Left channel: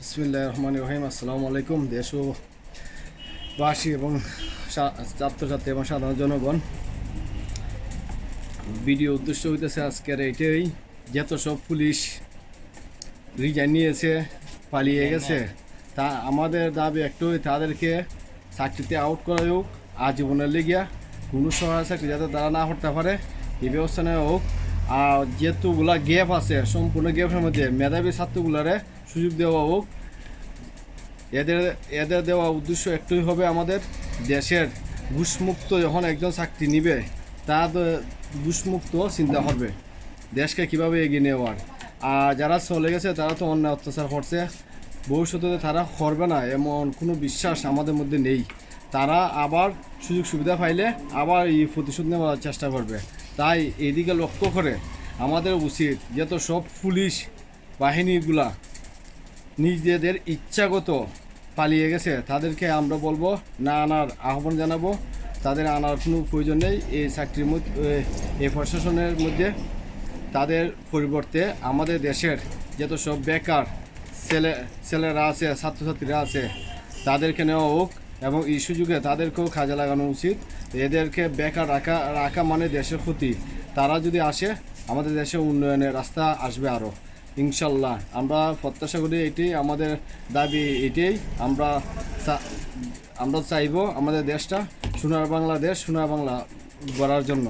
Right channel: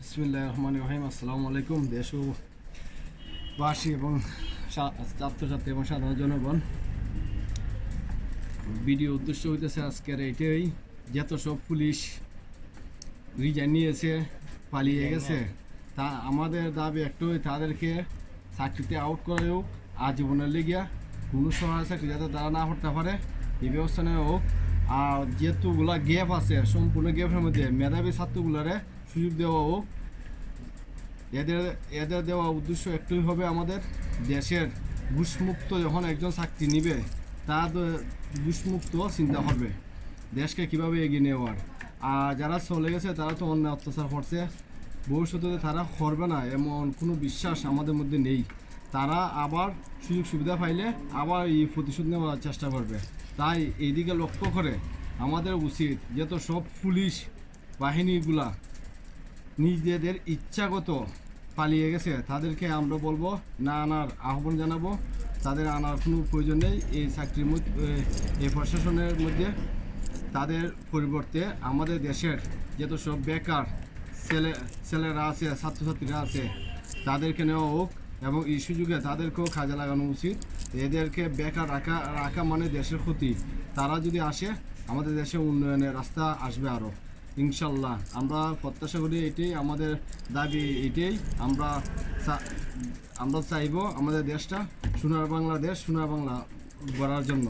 বিসমিল্লাহির রহমানির রহিম। আসসালামু আলাইকুম দেশবাসী এবং ছাত্রছাত্রী এবং সাধারণ জনগণ। ভিডিও উদ্দেশ্য হইতেছে আজকের এইটাই, যত সব পুলিশ রিজাইন নিয়েছে, পালিয়ে গেছে, তা আমাদের দাবি একটাই, তাদেরকে চাকরিতে আউট করা হোক, আজীবনের লেগিয়া কোনো সহায় চাকরি যাতে তারা না করতে পারে এই ব্যবস্থা নেওয়া হোক। আর যেহেতুগুলা গ্যাপ আছে, সম্পূর্ণ গ্যাপের মধ্যে মেধাবী ছাত্রগুলারে সুযোগ দেওয়া হোক। এদের এদের দেওয়া উদ্দেশ্য একটাই হবে, আমাদের দেশের ঘুষমুক্ত যখন একজন চাকরি নিবে, তার ঘুষমুক্ত চিন্তা করবে দেশকে কীভাবে এগিয়ে নেওয়ার। আর যারা চলে গেছে তারা তো অন্যায় অত্যাচার করছে, ভবিষ্যতে তারা করবে না এমন কোনো বিশ্বাস আমাদের মধ্যে নেই। তারা আবার সুযোগ সুবিধা পাইলে আবার এই প্রতিশোধ নেওয়ার চেষ্টা করবে। তাই এইদিকে লক্ষ্য করে আমাদের উচিত যত সব পুলিশ বাহিনীগুলা নিজেদের ইচ্ছাগত পালিয়ে গেছে, তাদেরকে আমরা বলবো না আনার আহ্বান জানাবো। তাদের আনার কোনো প্রয়োজন নেই এই চাকরির মধ্যে, এই প্রশাসনের মধ্যে। তাদের পরিবর্তে আমাদের দেশের যত সব বেকার ছেলেরা আছে, ছাত্রছাত্রীরা আছে, তাদেরকে নেওয়া হোক এবং এই সুযোগে তাদেরকেও কাজে লাগানো উচিত। এদেরকে বেকার রাখা মানে দেশের ক্ষতি। তারা যদি আসে, আমাদের দেশে উন্নয়নের রাস্তা আসবে আরও, ইনশাল্লাহ। আমরা প্রত্যাশা করি, এটাই আমাদের দাবি, এটাই আমরা চাইব আমাদের দেশটা সোনার বাংলাদেশ, সোনার বাংলা গড়ার জন্য।